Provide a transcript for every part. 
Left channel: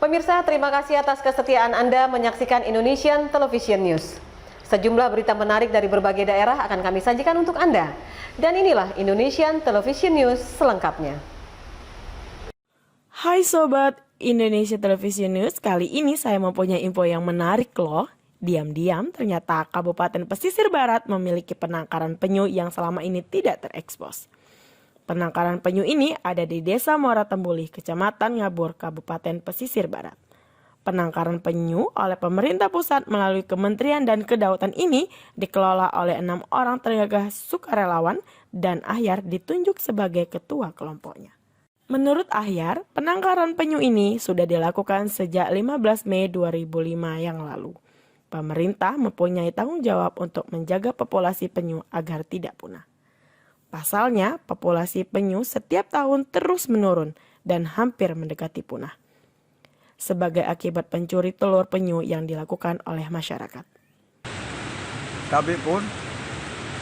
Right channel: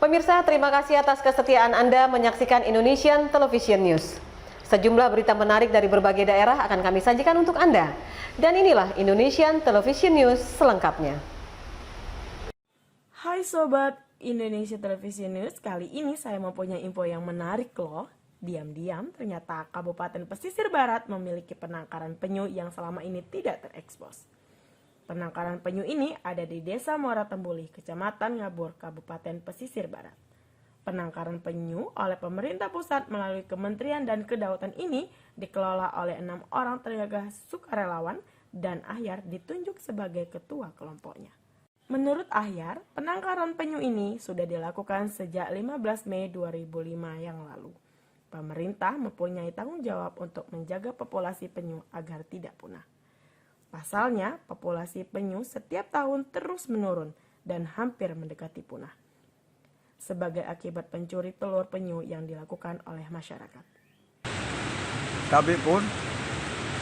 Pemirsa, terima kasih atas kesetiaan Anda menyaksikan Indonesian Television News. Sejumlah berita menarik dari berbagai daerah akan kami sajikan untuk Anda. Dan inilah Indonesian Television News selengkapnya. Hai Sobat Indonesia Television News, kali ini saya mempunyai info yang menarik loh. Diam-diam ternyata Kabupaten Pesisir Barat memiliki penangkaran penyu yang selama ini tidak terekspos. Penangkaran penyu ini ada di Desa Muara Tembulih, Kecamatan Ngabur, Kabupaten Pesisir Barat. Penangkaran penyu oleh pemerintah pusat melalui Kementerian dan Kedaulatan ini dikelola oleh 6 orang tenaga sukarelawan dan Ahyar ditunjuk sebagai ketua kelompoknya. Menurut Ahyar, penangkaran penyu ini sudah dilakukan sejak 15 Mei 2005 yang lalu. Pemerintah mempunyai tanggung jawab untuk menjaga populasi penyu agar tidak punah. Pasalnya, populasi penyu setiap tahun terus menurun dan hampir mendekati punah. Sebagai akibat pencuri telur penyu yang dilakukan oleh masyarakat. Tapi pun,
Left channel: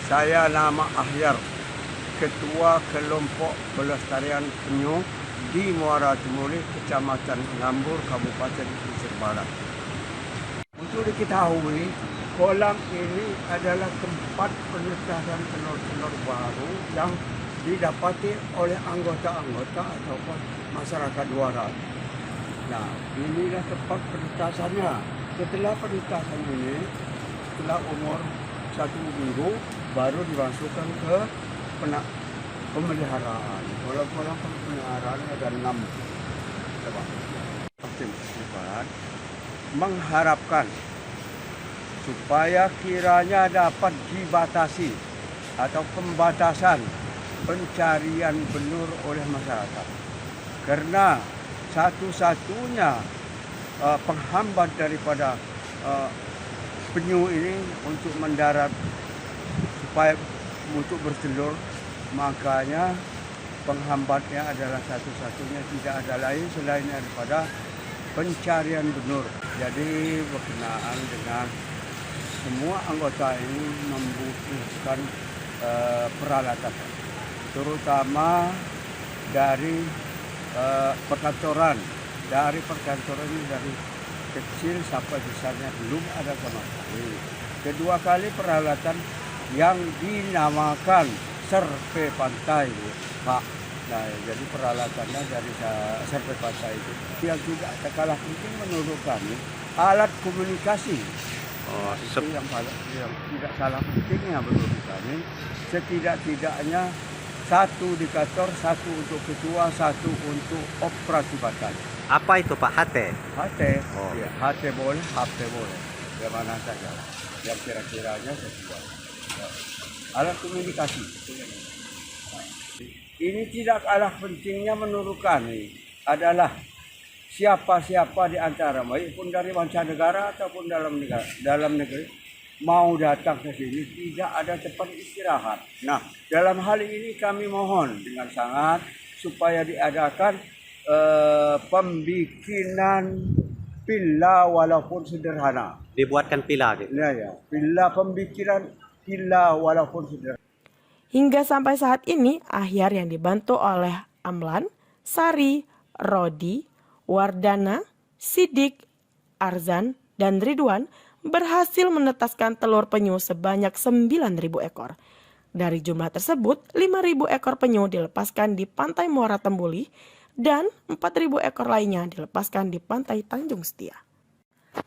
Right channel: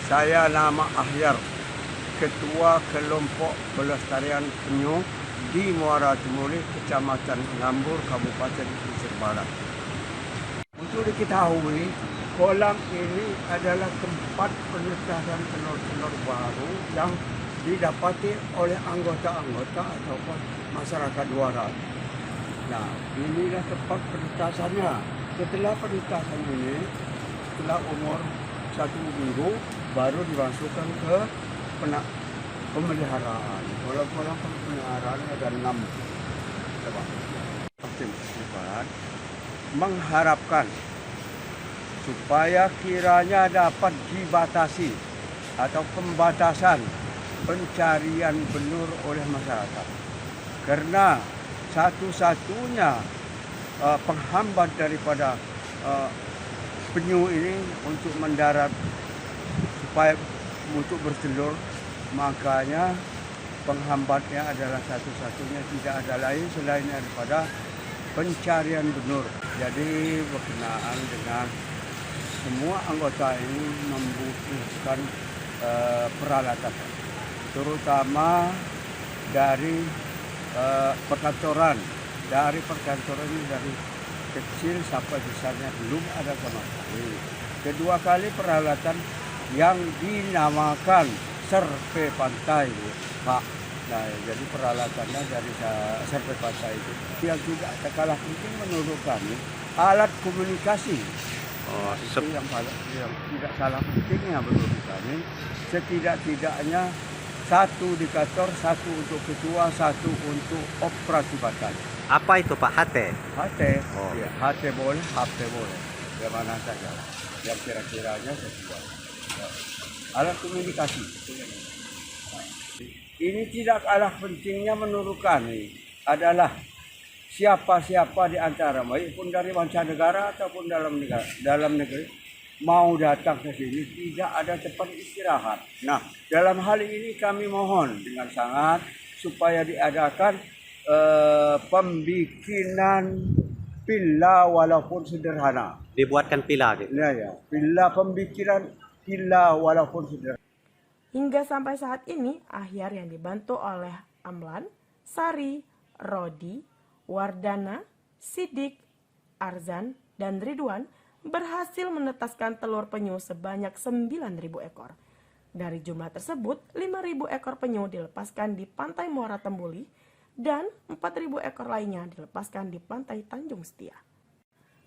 saya nama Ahyar, Ketua Kelompok Pelestarian Penyu di Muara Tembulih, Kecamatan Ngabur, Kabupaten Pesisir Barat. Untuk diketahui, kolam ini adalah tempat penetasan telur-telur baru yang didapati oleh anggota-anggota ataupun masyarakat luaran. Nah, inilah tempat penetasannya. Setelah penetasan ini, setelah umur 1 minggu, baru dimasukkan ke pemeliharaan. Kolam-kolam pemeliharaan ada 6. Mengharapkan supaya kiranya dapat dibatasi atau pembatasan pencarian benur oleh masyarakat. Karena satu-satunya penghambat daripada penyu ini untuk mendarat supaya untuk bertelur, makanya penghambatnya adalah satu-satunya, tidak ada lain selain daripada pencarian benur. Jadi berkenaan dengan semua anggota ini membutuhkan peralatan, terutama dari perkantoran. Dari perkantoran ini dari kecil sampai besarnya belum ada sama sekali. Kedua kali peralatan yang dinamakan serpe pantai, Pak. Nah, jadi peralatannya dari serpe pantai itu. Yang juga tak kalah penting menurut kami, alat komunikasi. Itu yang tidak salah pentingnya menurut kami. Setidak-tidaknya 1 di kantor, 1 untuk ketua, 1 untuk operasi pantai. Apa itu Pak? HT? HT, ya, HT boleh, HP boleh. Ya mana saja yang kira-kiranya sesuai. Ya. Alat komunikasi. Ini tidak kalah pentingnya menurut kami adalah siapa-siapa di antara, baik pun dari mancanegara ataupun dalam negeri, mau datang ke sini tidak ada tempat istirahat. Nah, dalam hal ini kami mohon dengan sangat supaya diadakan pembikinan villa walaupun sederhana. Dibuatkan villa gitu? Ya, villa, pembikinan villa walaupun sederhana. Hingga sampai saat ini, Ahyar yang dibantu oleh Amlan, Sari, Rodi, Wardana, Sidik, Arzan, dan Ridwan berhasil menetaskan telur penyu sebanyak 9.000 ekor. Dari jumlah tersebut, 5.000 ekor penyu dilepaskan di Pantai Muara Tembulih dan 4.000 ekor lainnya dilepaskan di Pantai Tanjung Setia.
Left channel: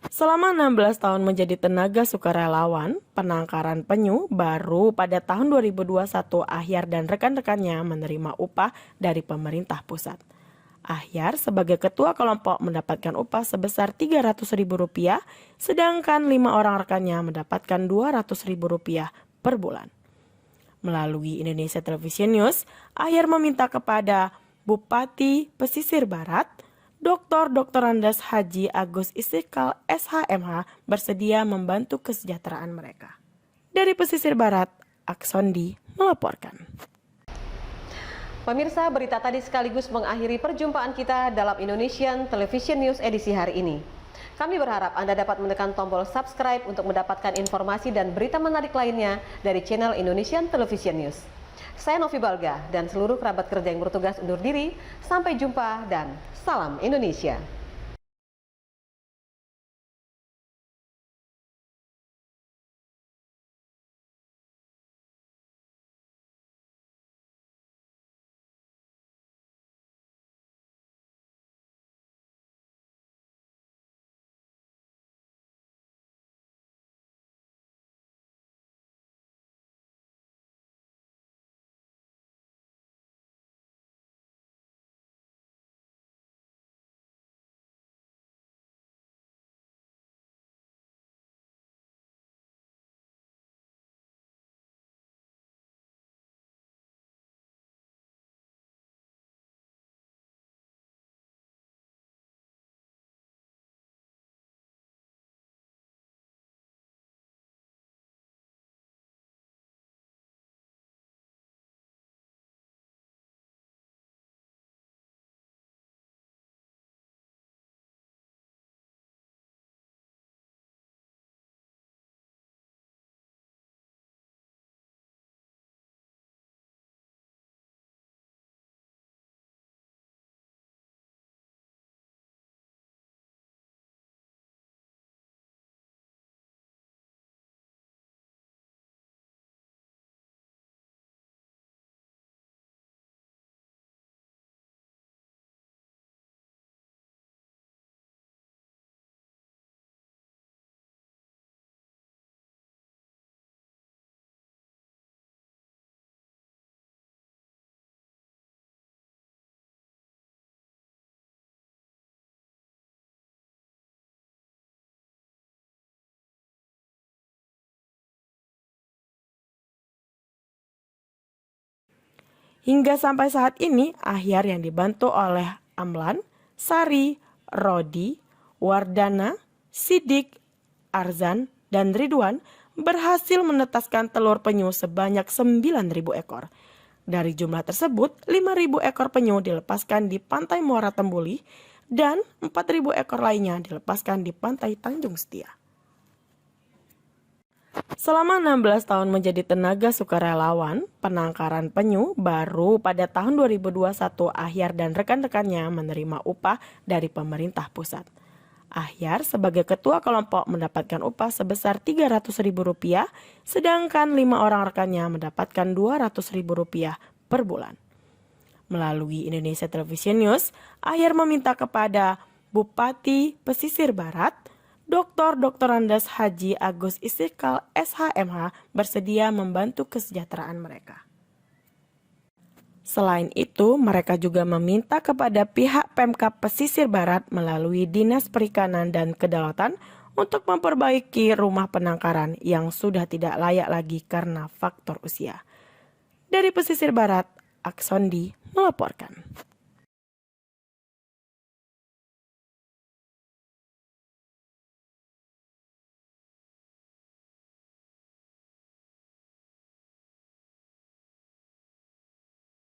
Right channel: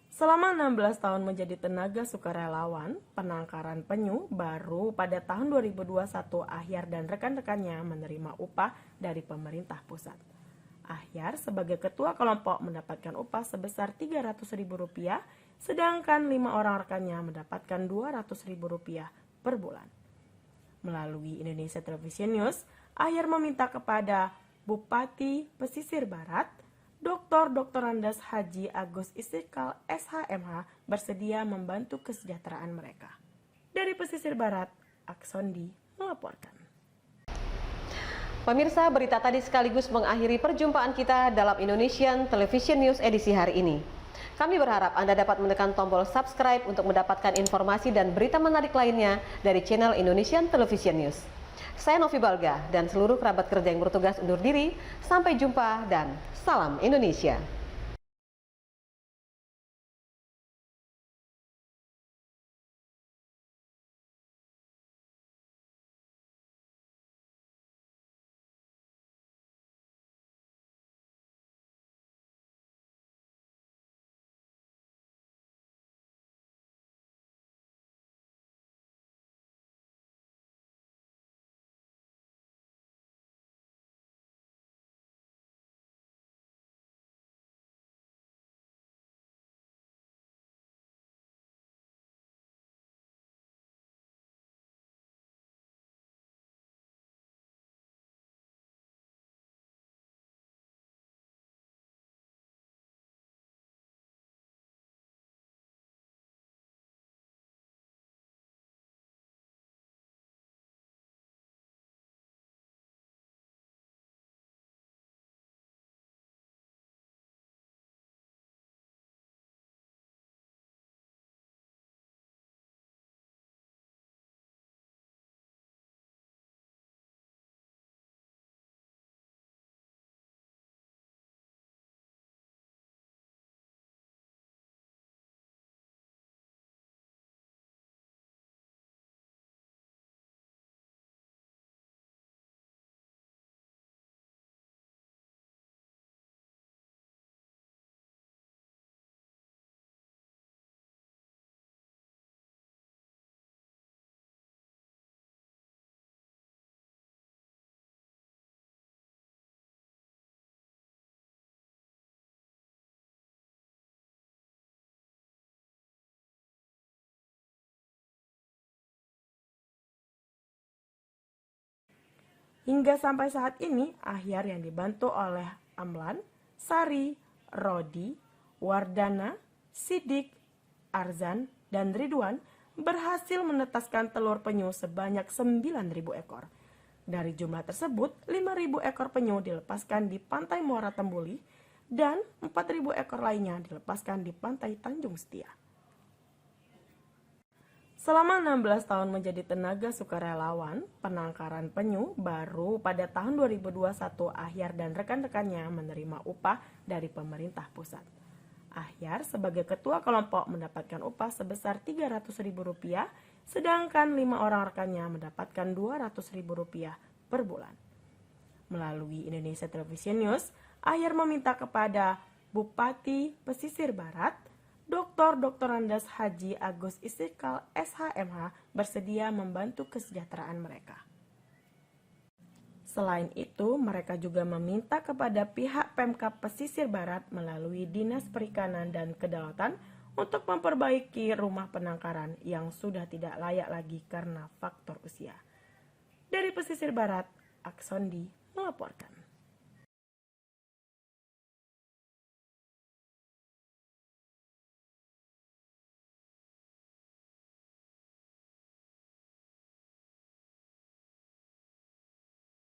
Selama 16 tahun menjadi tenaga sukarelawan, penangkaran penyu baru pada tahun 2021 Ahyar dan rekan-rekannya menerima upah dari pemerintah pusat. Ahyar sebagai ketua kelompok mendapatkan upah sebesar Rp300.000, sedangkan 5 orang rekannya mendapatkan Rp200.000 per bulan. Melalui Indonesia Television News, Ahyar meminta kepada Bupati Pesisir Barat, Dr. Andes Haji Agus Istiqlal SHMH bersedia membantu kesejahteraan mereka. Dari Pesisir Barat, Aksondi melaporkan. Pemirsa, berita tadi sekaligus mengakhiri perjumpaan kita dalam Indonesian Television News edisi hari ini. Kami berharap Anda dapat menekan tombol subscribe untuk mendapatkan informasi dan berita menarik lainnya dari channel Indonesian Television News. Saya Novi Balga dan seluruh kerabat kerja yang bertugas undur diri. Sampai jumpa dan salam Indonesia. Hingga sampai saat ini, Ahyar yang dibantu oleh Amlan, Sari, Rodi, Wardana, Sidik, Arzan, dan Ridwan berhasil menetaskan telur penyu sebanyak 9.000 ekor. Dari jumlah tersebut, 5.000 ekor penyu dilepaskan di Pantai Muara Tembuli dan 4.000 ekor lainnya dilepaskan di Pantai Tanjung Setia. Selama 16 tahun menjadi tenaga sukarelawan penangkaran penyu, baru pada tahun 2021 Ahyar dan rekan-rekannya menerima upah dari pemerintah pusat. Ahyar sebagai ketua kelompok mendapatkan upah sebesar Rp300.000, sedangkan 5 orang rekannya mendapatkan Rp200.000 per bulan. Melalui Indonesia Television News, Ahyar meminta kepada Bupati Pesisir Barat, Dr. Andes Haji Agus Istiqlal SHMH bersedia membantu kesejahteraan mereka. Selain itu, mereka juga meminta kepada pihak Pemkab Pesisir Barat melalui Dinas Perikanan dan Kedaulatan untuk memperbaiki rumah penangkaran yang sudah tidak layak lagi karena faktor usia. Dari Pesisir Barat, Aksondi melaporkan.